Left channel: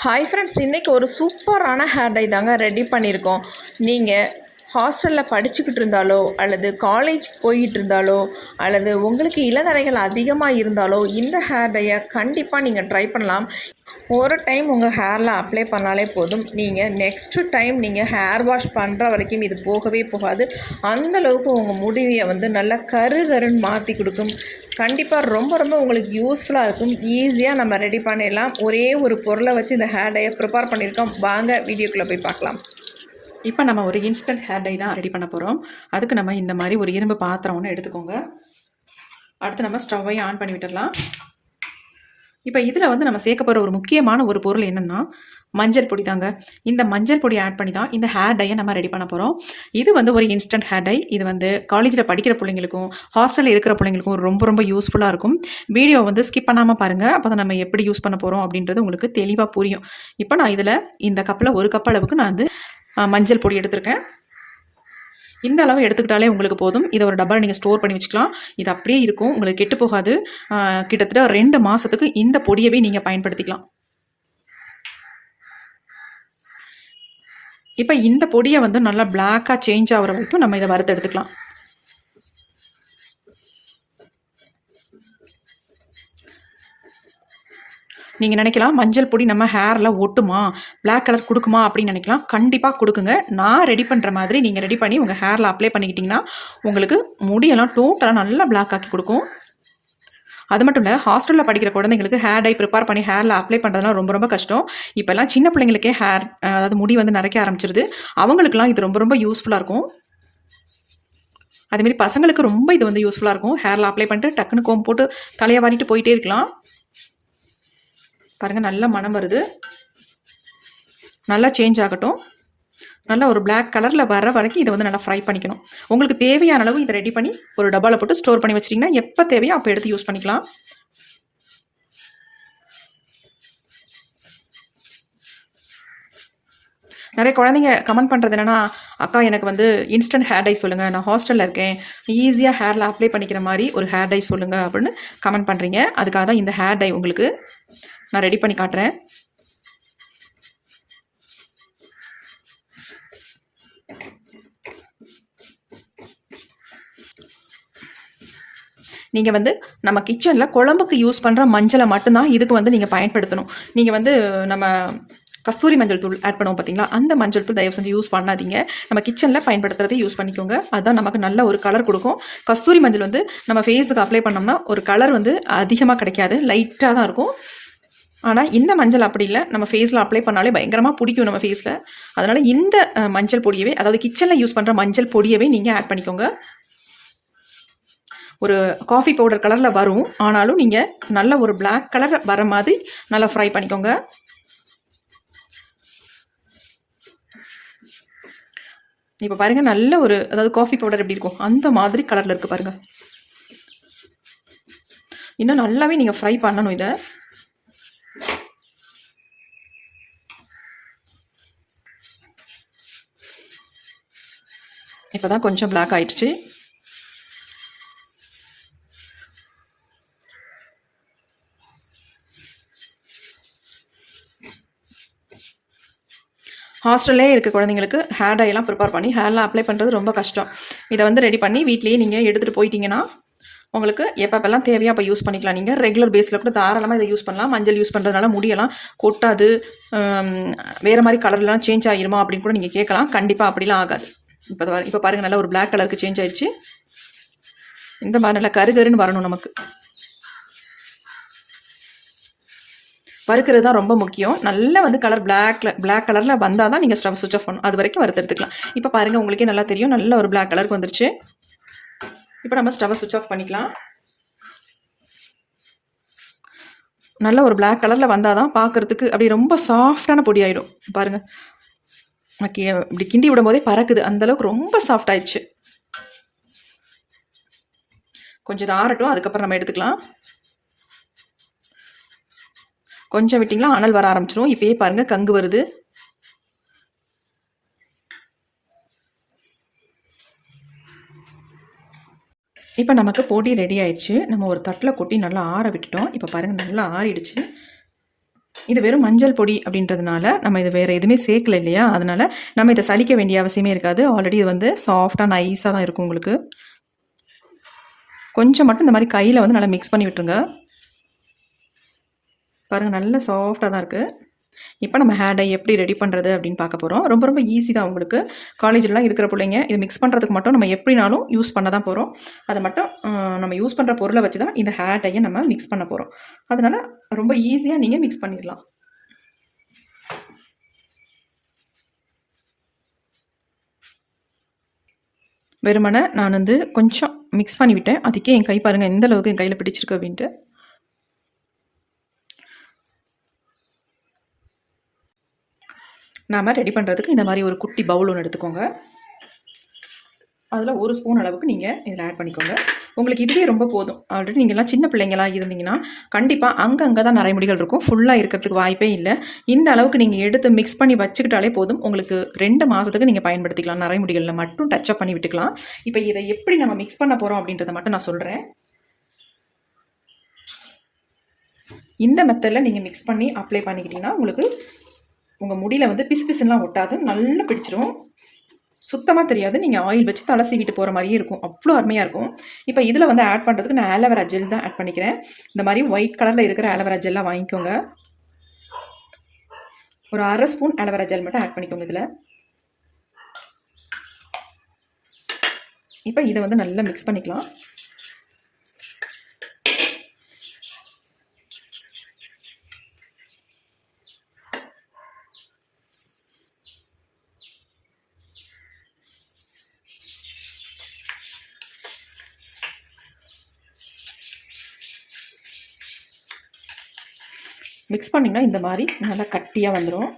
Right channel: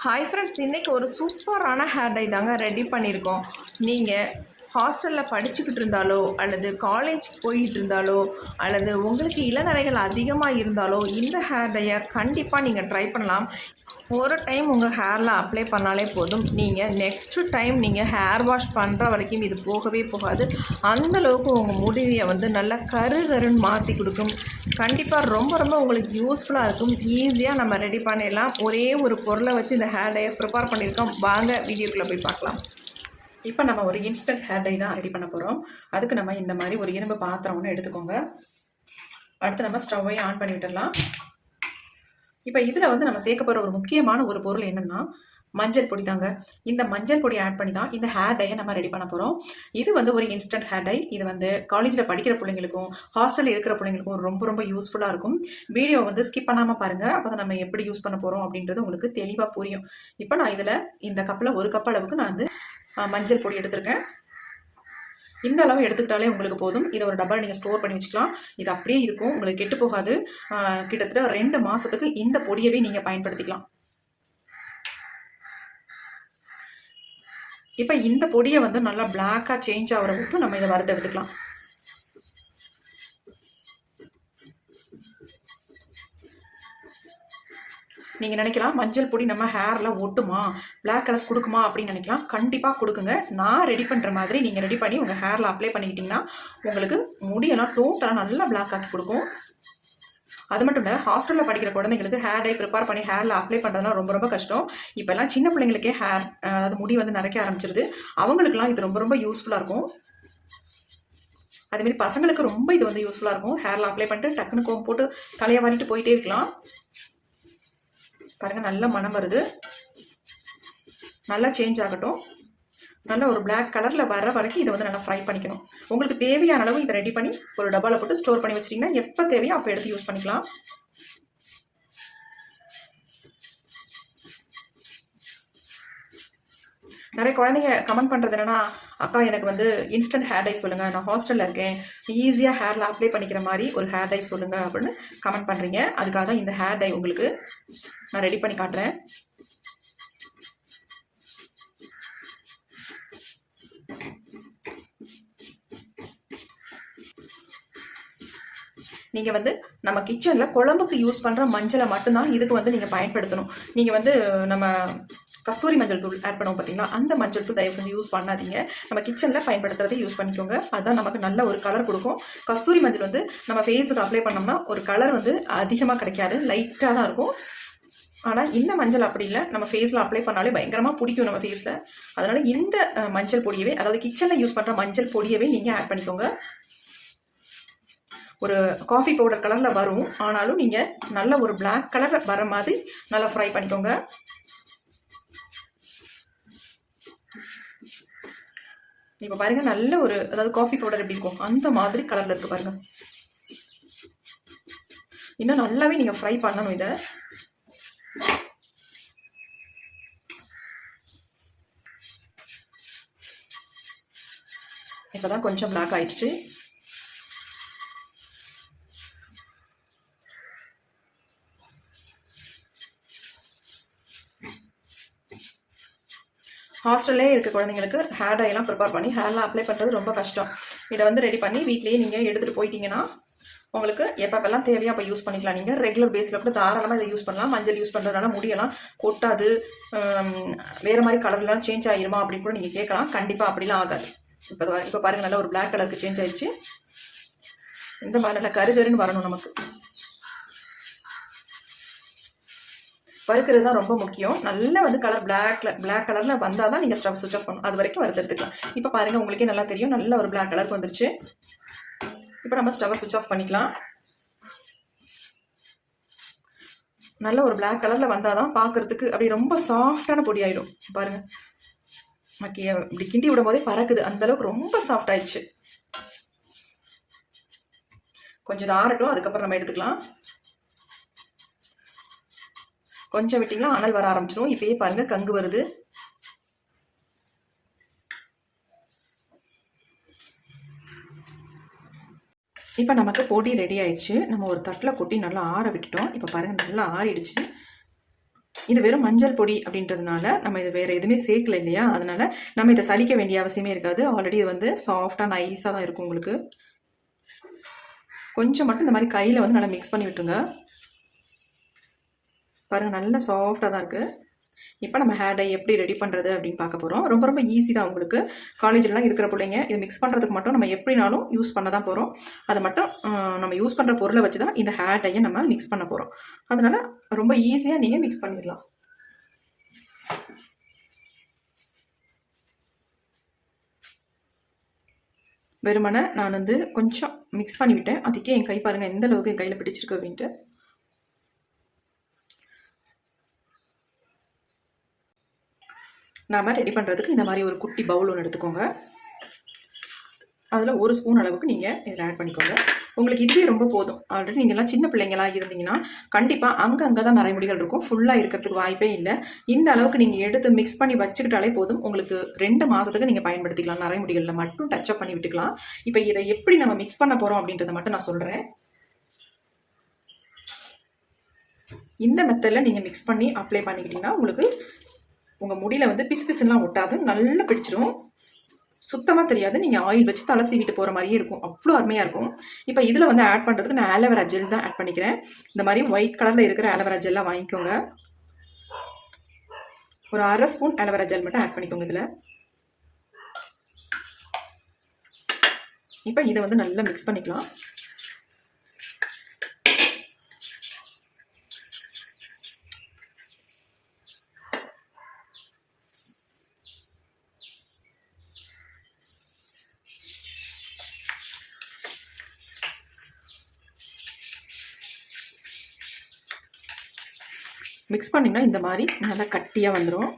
Hi friends இன்றைக்கி ஒரு சூப்பரான ஹேர் டை தாங்க ரெடி பண்ணியிருக்கோம். நீங்கள் ஹாஸ்டலில் படிச்சுக்கிட்டு இருந்தாலோ அல்லது காலேஜ் போய்கிட்டு இருந்தாலோ அல்லது உங்களுக்கு இளநரைகள் அதிகமாக இருந்தாலோ இந்த ஹேர் டையை கண்டிப்பாக நீங்கள் ட்ரை பண்ணலாம். ஒரு டைம் உங்கள் ஹேரில் அப்ளை பண்ணாலே போதும். நீங்கள் நெக்ஸ்ட்டு டைம் நீங்கள் ஹேர் வாஷ் பண்ணுற வரைக்கும் இது போகவே போகாது. அந்தளவுக்கு உங்கள் முடிவை வந்து நல்லா கரு கருன்னு மாற்றி கொடுக்கும். கண்டிப்பாக ரொம்ப ரொம்ப உங்களுக்கு யூஸ்ஃபுல்லாக இருக்கும். ஈஸியாக நம்ம ரெடி பண்ணிடலாம். ஒரே ஒரு பொருளை வச்சு இந்த ஹேர் டையை ப்ரிப்பேர் பண்ணியிருக்கோம். வாங்க வீடியோக்குள்ளே போய் பார்க்கலாம். இப்போ நம்ம ஒரு இன்ஸ்டன்ட் ஹேர் டை தான் ரெடி பண்ண போகிறோம் அதுக்கு நம்ம இந்த மாதிரி ஒரு இரும்பு பாத்திரம் ஒன்று எடுத்துக்கோங்க. அடுத்து நம்ம ஸ்டவ்வை ஆன் பண்ணி விட்டுடலாம். இப்போ இதில் வந்து நம்ம சேர்க்க போகிற ஒரு முக்கியமான ஒரு பொருள் என்னென்னா மஞ்சள் பொடி தாங்க. இந்த மஞ்சள் பொடி ஆட் பண்ணி தான் இந்த ஹேர் டையை நம்ம ரெடி பண்ண போகிறோம் இது வந்து ஒரு இன்ஸ்டன்ட் ஹேர் டை இது வந்து காலேஜில் படிக்கிற பிள்ளைங்களுக்கும் ஹாஸ்டலில் இருக்கிற பிள்ளைங்களுக்கும் ரொம்ப ரொம்ப யூஸ்ஃபுல்லாக இருக்கும். வீடியோ வந்து ஸ்கிப் பண்ணாமல் பாருங்கள் அப்போ தான் நம்ம எப்படி யூஸ் பண்ண போகிறோம் அப்படின்றது உங்களுக்கு தெளிவாக புரியும். இப்போ நான் இதில் இந்த கப்பில் ஒரு கப் அளவுக்கு நான் வந்து மஞ்சள் பொடி எடுத்திருக்கேன். இந்த அளவு எடுத்துக்கிட்டாலே உங்களுக்கு போதும். இதை ஒரு டப்பாவில் நீங்கள் ஸ்டோர் பண்ணி வச்சுக்கலாம். இது அப்படியே இருக்கும். உங்களுக்கு கெட்டு போகாது. கிட்டத்தட்ட ரெண்டு மாதத்துக்கு இந்த பொடியவே நீங்கள் பயன்படுத்திக்கலாம். இப்போ இந்த பொடியை வந்து நல்லா பிளாக்காக சேஞ்ச் ஆகிற வரைக்கும் நம்ம இதை வறுத்து எடுத்துக்கலாம். நீங்கள் நினைக்கலாம் மஞ்சள் பொடி நம்ம ஹேரில் ஒட்டுமா பிளாக் கலர் கொடுக்குமா அப்படின்னு நினைக்கலாம். கண்டிப்பாக கொடுக்குங்க. நான் ரெடி பண்ணுற மாதிரி நீங்கள் ரெடி பண்ணி உங்கள் ஹேரில் அப்ளை பண்ணிக்கிட்டிங்கன்னா உங்களுக்கு முடியெல்லாம் டோட்டலாக நல்லா பிளாக் ஆக்கி கொடுக்கும். அது மட்டும் இல்லை ஹாஸ்டலில் படிக்கிற குழந்தைங்களுக்கு ஹேர் டை ப்ரிப்பேர் பண்ணி ஹேரில் அப்ளை பண்ணுறதுலாம் ரொம்ப ரொம்ப கஷ்டம். இப்போல்லாம் சின்ன பிள்ளைங்களுக்கே ஹேர் அதாவது முடி வந்து நரைக்க ஆரம்பிச்சிருது. அவங்களுக்குலாம் இது ரொம்ப ரொம்ப யூஸ்ஃபுல்லாக இருக்கும். அதேமாரி பசங்களுக்கு ரொம்ப இது வந்து யூஸ்ஃபுல்லாக இருக்கும். ஹேரில் அப்ளை பண்ணிட்டு டக்குன்னு கோம் போட்டு தலையை வாரிட்டு போயிட்டே இருக்கலாம். பாருங்கள் நல்ல மனம் வருது. நல்லா சேஞ்ச் ஆகட்டும். நல்லா ஒரு பிளாக் கலரில் வர வரைக்கும் இதை வந்து நல்லா ஃப்ரை பண்ணிக்கணும். உங்களுக்கு தேவையான அளவு இதை ரெடி பண்ணி ஒரு டப்பாவில் போட்டு ஸ்டோர் பண்ணி வச்சிட்டிங்கன்னா எப்போ தேவையோ அப்போ எடுத்து யூஸ் பண்ணிக்கலாம். நிறைய குழந்தைங்க கமெண்ட் பண்ணுறது என்னென்னா அக்கா எனக்கு வந்து இன்ஸ்டன்ட் ஹேர் டை சொல்லுங்கள் நான் ஹாஸ்டலில் இருக்கேன். ஈஸியாக ஹேரில் அப்ளை பண்ணிக்கிற மாதிரி ஒரு ஹேர் டை சொல்லுங்கள் அப்படின்னு கமெண்ட் பண்ணுறீங்க அதுக்காக தான் இந்த ஹேர் டை உங்களுக்கு நான் ரெடி பண்ணி காட்டுறேன். நீங்கள் வந்து நம்ம கிச்சனில் குழம்புக்கு யூஸ் பண்ணுற மஞ்சளை மட்டும்தான் இதுக்கு வந்து நீங்கள் பயன்படுத்தணும். நீங்கள் வந்து நம்ம கஸ்தூரி மஞ்சள் தூள் ஆட் பண்ணுவோம் பார்த்தீங்களா அந்த மஞ்சள் தூள் தயவு செஞ்சு யூஸ் பண்ணாதீங்க. நம்ம கிச்சனில் பயன்படுத்துறதை யூஸ் பண்ணிக்கோங்க. அதுதான் நமக்கு நல்ல ஒரு கலர் கொடுக்கும். கஸ்தூரி மஞ்சள் வந்து நம்ம ஃபேஸுக்கு அப்ளை பண்ணோம்னா ஒரு கலர் வந்து அதிகமாக கிடைக்காது. லைட்டாக தான் இருக்கும். ஆனால் இந்த மஞ்சள் அப்படி இல்லை. நம்ம ஃபேஸில் அப்ளை பண்ணாலே பயங்கரமாக பிடிக்கும் நம்ம ஃபேஸில் அதனால் இந்த மஞ்சள் பொடியவே அதாவது கிச்சனில் யூஸ் பண்ணுற மஞ்சள் பொடியவே நீங்கள் ஆட் பண்ணிக்கோங்க. ஒரு காஃபி பவுடர் கலரில் வரும். ஆனாலும் நீங்கள் நல்ல ஒரு பிளாக் கலர் வர மாதிரி நல்லா ஃப்ரை பண்ணிக்கோங்க. இப்போ பாருங்கள் நல்ல ஒரு அதாவது காஃபி பவுடர் எப்படி இருக்கும்? அந்த மாதிரி கலரில் இருக்குது பாருங்கள் இன்னும் நல்லாவே நீங்கள் ஃப்ரை பண்ணணும் இதை. இப்போ தான் கொஞ்சம் பிளாக் ஆயிடுச்சு. ஹாஸ்டல்லே இருக்க குழந்தைங்களுக்கு ஹேர் டைலாம் ப்ரிப்பேர் பண்ணி ஹேரில் அப்ளை பண்ணுறது ரொம்ப கஷ்டம். இதை வந்து ரெடி பண்ணி வீட்லேயே நீங்கள் எடுத்துகிட்டு போயிட்டீங்கன்னா உங்களுக்கு எப்பப்பெல்லாம் தேவையோ அப்போ யூஸ் பண்ணிக்கலாம். நீங்கள் ரெகுலர் பேஸில் கூட தாராளமாக இதை யூஸ் பண்ணலாம். மஞ்சள் யூஸ் பண்ணுறதுனால முடியெல்லாம் கொட்டாது வேறு மாதிரி கலர்லாம் சேஞ்ச் ஆகிருமா அப்படின்னு கூட நீங்கள் கேட்கலாம். கண்டிப்பாக அப்படிலாம் ஆகாது. இப்போ இப்போ பாருங்கள் நல்லா ஒரு பிளாக் கலருக்கு சேஞ்ச் ஆயிடுச்சு. இந்த மாதிரி நல்லா கருகருன்னு வரணும் நமக்கு. வறுக்கிறது தான் ரொம்ப முக்கியம். நல்லா வந்து கலர் பிளாக்ல பிளாக் கலரில் வந்தால் தான் நீங்கள் ஸ்டவ் சுவிச் ஆஃப் பண்ணணும். அது வரைக்கும் வறுத்து எடுத்துக்கலாம். இப்போ பாருங்கள் உங்களுக்கே நல்லா தெரியும். நல்ல ஒரு பிளாக் கலருக்கு வந்துருச்சு. இப்போ நம்ம ஸ்டவ் சுவிச் ஆஃப் பண்ணிக்கலாம். நல்ல ஒரு பிளாக் கலரில் வந்தால் தான் பார்க்குறதுக்கு அப்படி ரொம்ப சாஃப்டான பொடி ஆகிடும் பாருங்கள் ஓகே இப்படி கிண்டி விடும் போதே பறக்குது அந்தளவுக்கு ரொம்ப சாஃப்ட் ஆயிடுச்சு. கொஞ்சம் இது ஆறட்டும் அதுக்கப்புறம் நம்ம எடுத்துக்கலாம். கொஞ்சம் விட்டிங்களா? அனல் வர ஆரம்பிச்சிடும் இப்பயே பாருங்கள் கங்கு வருது. இப்போ நமக்கு பொடி ரெடி ஆயிடுச்சு. நம்ம ஒரு தட்டில் கொட்டி நல்லா ஆற விட்டுட்டோம். இப்போ பாருங்கள் நல்லா ஆறிடுச்சு. இது வெறும் மஞ்சள் பொடி அப்படின்றதுனால நம்ம இது வேறு எதுவுமே சேர்க்கல இல்லையா? அதனால் நம்ம இதை சலிக்க வேண்டிய அவசியமே இருக்காது. ஆல்ரெடி இது வந்து சாஃப்டாக நைஸாக தான் இருக்கும் உங்களுக்கு. கொஞ்சம் மட்டும் இந்த மாதிரி கையில் வந்து நல்லா மிக்ஸ் பண்ணி விட்டுருங்க. பாருங்கள் நல்லா சாஃப்டாக தான் இருக்குது இப்போ நம்ம ஹேர் டை எப்படி ரெடி பண்ணுறது அப்படின்னு பார்க்க போகிறோம் ரொம்ப ரொம்ப ஈஸி தான் உங்களுக்கு. காலேஜ்லாம் இருக்கிற பிள்ளைங்க இது மிக்ஸ் பண்ணுறதுக்கு மட்டும் நம்ம எப்படினாலும் யூஸ் பண்ண தான் போகிறோம் அதை மட்டும் நம்ம யூஸ் பண்ணுற பொருளை வச்சு தான் இந்த ஹேர் டையை நம்ம மிக்ஸ் பண்ண போகிறோம் அதனால் ரொம்ப ஈஸியாக நீங்கள் மிக்ஸ் பண்ணிடலாம். வெறுமனை நான் வந்து கொஞ்சம் மிக்ஸ் பண்ணிவிட்டேன். அதுக்கே என் கை பாருங்கள் எந்த அளவுக்கு என் கையில் பிடிச்சிருக்கு அப்படின்ட்டு. நாம் ரெடி பண்ணுறதுக்கு இந்த மாதிரி ஒரு குட்டி பவுல் ஒன்று எடுத்துக்கோங்க. அதில் ஒரு ஸ்பூன் அளவுக்கு நீங்கள் இதில் ஆட் பண்ணிக்கோங்க. உங்களுக்கு இதுவே ரொம்ப போதும். ஆல்ரெடி நீங்கள்லாம் சின்ன பிள்ளைங்களாக இருந்தீங்கன்னா கண்டிப்பாக அங்கங்கே தான் நரைமுடிகள் இருக்கும். ஃபுல்லாக இருக்கிறதுக்கு வாய்ப்பே இல்லை. இந்த அளவுக்கு நீங்கள் எடுத்து மிக்ஸ் பண்ணி வச்சுக்கிட்டாலே போதும். உங்களுக்கு ரெண்டு மாதத்துக்கு நீங்கள் பயன்படுத்திக்கலாம். நரைமுடிகளில் மட்டும் டச்சப் பண்ணி விட்டுக்கலாம். இப்போ இதை எப்படி நம்ம மிக்ஸ் பண்ண போகிறோம் அப்படின்றத மட்டும் நான் சொல்கிறேன் இந்த மெத்தடில் நீங்கள் மிக்ஸ் பண்ணி அப்ளை பண்ணிக்கிட்டிங்கன்னா உங்களுக்கு உங்கள் முடியில் வந்து பிசு பிசுலாம் ஒட்டாது நல்லா பிடிச்சிரும். சுத்தமாக தெரியாது. நீங்கள் ஆயில் வச்சு தலை சீவிட்டு போகிற மாதிரியே இருக்கும். அவ்வளோ அருமையாக இருக்கும். இப்போ இதில் வந்து ஆட் பண்ணுறதுக்கு நான் ஆலோவேரா ஜெல் தான் ஆட் பண்ணிக்கிறேன். இந்த மாதிரி ஒயிட் கலரில் இருக்கிற ஆலோவேரா ஜெல்லாம் வாங்கிக்கோங்க. ஒரு அரை ஸ்பூன் ஆலோவேரா ஜெல் மட்டும் ஆட் பண்ணிக்கோங்க இதில். இப்போ இதை வந்து நல்லா மிக்ஸ் பண்ணிக்கலாம். மிக்ஸ் பண்ணிங்கன்னா இந்த மாதிரி நல்லா கட்டியாக வந்துடும்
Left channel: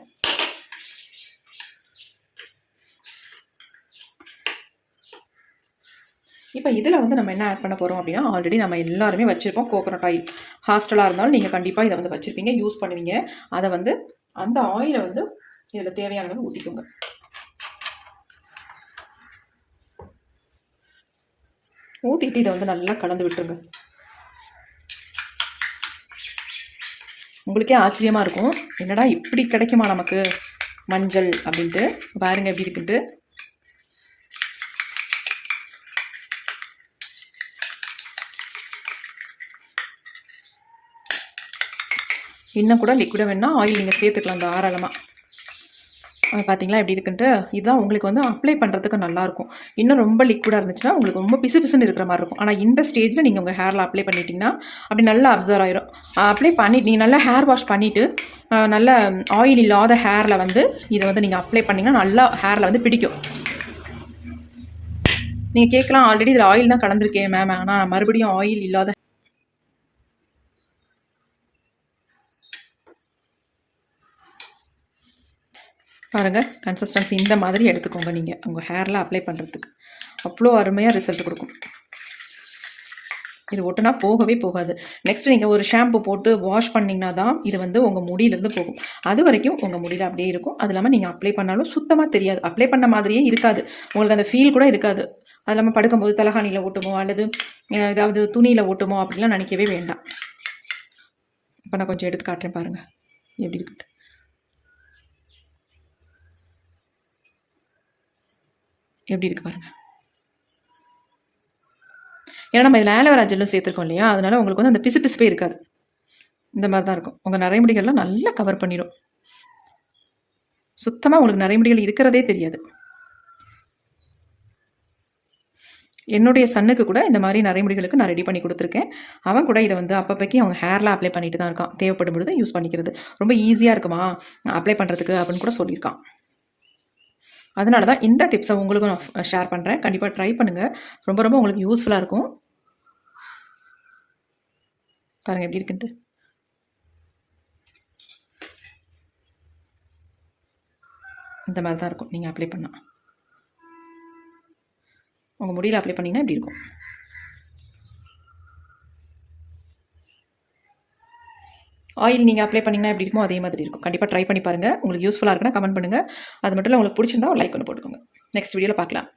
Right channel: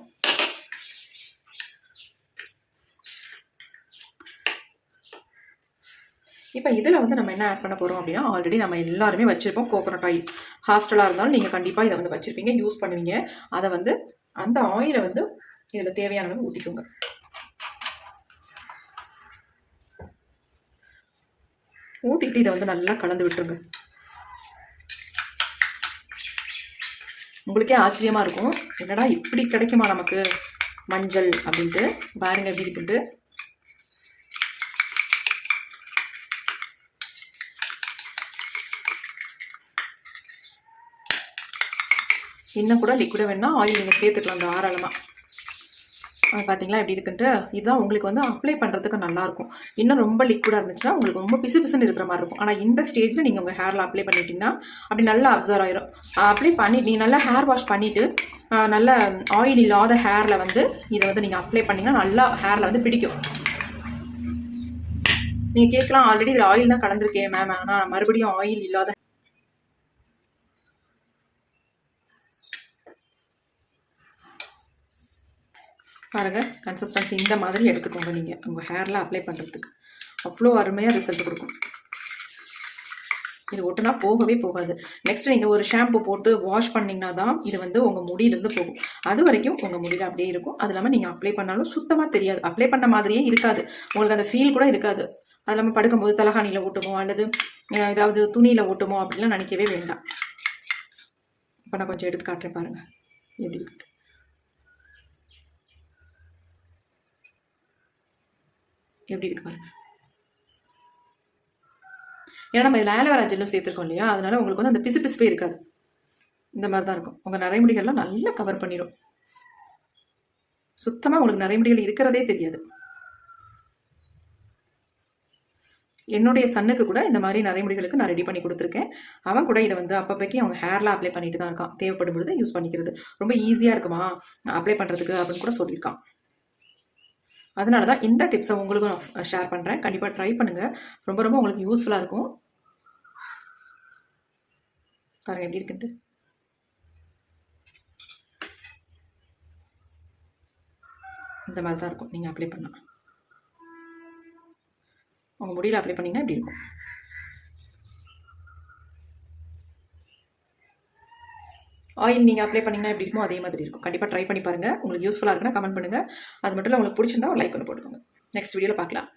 இப்போ இதில் வந்து நம்ம என்ன ஆட் பண்ண போகிறோம் அப்படின்னா ஆல்ரெடி நம்ம எல்லாருமே வச்சுருப்போம் கோகோனட் ஆயில் ஹாஸ்டலாக இருந்தாலும் நீங்கள் கண்டிப்பாக இதை வந்து வச்சுருப்பீங்க யூஸ் பண்ணுவீங்க. அதை வந்து அந்த ஆயிலை வந்து இதில் தேவையானதை ஊற்றிக்கோங்க ஊற்றிட்டு இதை வந்து நல்லா கலந்து விட்டுருங்க. உங்களுக்கே ஆச்சரியமாக இருக்கும். என்னடா இப்படி கிடைக்குமா நமக்கு? மஞ்சள் அப்படின்ட்டு. பாருங்க எப்படி இருக்குன்ட்டு. இன்னும் கூட லிக்விடாக வேணால் ஆயில் நீங்கள் சேர்த்துக்கலாம் தாராளமாக அஹ் பார்த்தீங்களா எப்படி இருக்குன்ட்டு? இதுதான் உங்களுக்கு வந்து அப்ளை பண்ணுறதுக்கு நல்லாயிருக்கும். இன்னும் ரொம்ப லிக்விடாக இருந்துச்சுன்னா உங்களுக்கு ரொம்ப பிசு பிசுன்னு இருக்கிற மாதிரி இருக்கும். ஆனால் இந்த ஸ்டேஜில் நீங்கள் உங்கள் ஹேரில் அப்ளை பண்ணிட்டீங்கன்னா அப்படி நல்லா அப்சர்வ் ஆயிரும். அப்ளை பண்ணி நீங்கள் நல்லா ஹேர் வாஷ் பண்ணிவிட்டு நல்ல ஆயில் இல்லாத ஹேரில் வந்து இதை வந்து நீங்கள் அப்ளை பண்ணிங்கன்னா நல்லா ஹேரில் வந்து பிடிக்கும். நீங்கள் கேட்கலாம் ஆல்ரெடி இதில் ஆயில் தான் கலந்துருக்கேன் மேம் ஆனால் மறுபடியும் ஆயில் இல்லாத பாருங்கள் கன்சிஸ்டன்சி இந்த மாதிரி எடுத்துக்கோங்க நீங்கள் உங்கள் ஹேரில் அப்ளை பண்ணுறதுக்கு அவ்வளோ அருமையாக ரிசல்ட் கொடுக்கும். இது ஒட்டுனா போகவே போகாது. நெக்ஸ்ட் நீங்கள் ஒரு ஷாம்பு போட்டு வாஷ் பண்ணிங்கன்னா தான் இது வந்து உங்கள் முடியிலேருந்து போகும். அது வரைக்கும் உங்கள் முடியில் அப்படியே இருக்கும். அது இல்லாமல் நீங்கள் அப்ளை பண்ணாலும் சுத்தமாக தெரியாது. அப்ளை பண்ண மாதிரியே இருக்காது. உங்களுக்கு அந்த ஃபீல் கூட இருக்காது. அது இல்லாமல் படுக்கும்போது தலகாணியில் ஓட்டுமோ அல்லது ஏதாவது துணியில் ஓட்டுமோ அப்படிலாம் நினைக்கவே வேண்டாம். இப்போ நான் கொஞ்சம் எடுத்து காட்டுறேன் பாருங்கள் எப்படி இருக்கு எப்படி இருக்கு பாருங்க. ஏன்னா நம்ம இதில் ஆலோவேரா ஜெல்லும் சேர்த்துருக்கோம் இல்லையா? அதனால உங்களுக்கு வந்து அந்த பிசு பிசுப்பே இருக்காது. இந்த மாதிரி தான் இருக்கும். உங்கள் நரைமுடிகள்லாம் நல்லா கவர் பண்ணிடும் சுத்தமாக உங்களுக்கு நரைமுடிகள் இருக்கிறதே தெரியாது. என்னுடைய சன்னுக்கு கூட இந்த மாதிரி நரைமுடிகளுக்கு நான் ரெடி பண்ணி கொடுத்துருக்கேன். அவன் கூட இதை வந்து அப்பப்போக்கி அவங்க ஹேரில் அப்ளை பண்ணிட்டு தான் இருக்கான். தேவைப்படும் பொழுது யூஸ் பண்ணிக்கிறது. ரொம்ப ஈஸியாக இருக்குமா? அப்ளை பண்ணுறதுக்கு அப்படின்னு கூட சொல்லியிருக்கான். அதனால தான் இந்த டிப்ஸை உங்களுக்கும் நான் ஷேர் பண்ணுறேன் கண்டிப்பாக ட்ரை பண்ணுங்கள் ரொம்ப ரொம்ப உங்களுக்கு யூஸ்ஃபுல்லாக இருக்கும். பாருங்கள் எப்படி இருக்குன்ட்டு. இந்த மாதிரி தான் இருக்கும். நீங்கள் அப்ளை பண்ணால் உங்கள் முடியல அப்ளை பண்ணிங்கன்னா இப்படி இருக்கும்? ஆயில் நீங்கள் அப்ளை பண்ணிங்கன்னா எப்படி இருக்குமோ அதே மாதிரி இருக்கும். கண்டிப்பாக ட்ரை பண்ணி பாருங்கள் உங்களுக்கு யூஸ்ஃபுல்லாக இருக்குன்னா கமெண்ட் பண்ணுங்கள் அது மட்டும் இல்லை உங்களுக்கு பிடிச்சிருந்தா ஒரு லைக் ஒன்று போட்டுக்கோங்க. நெக்ஸ்ட் வீடியோவில் பார்க்கலாம்.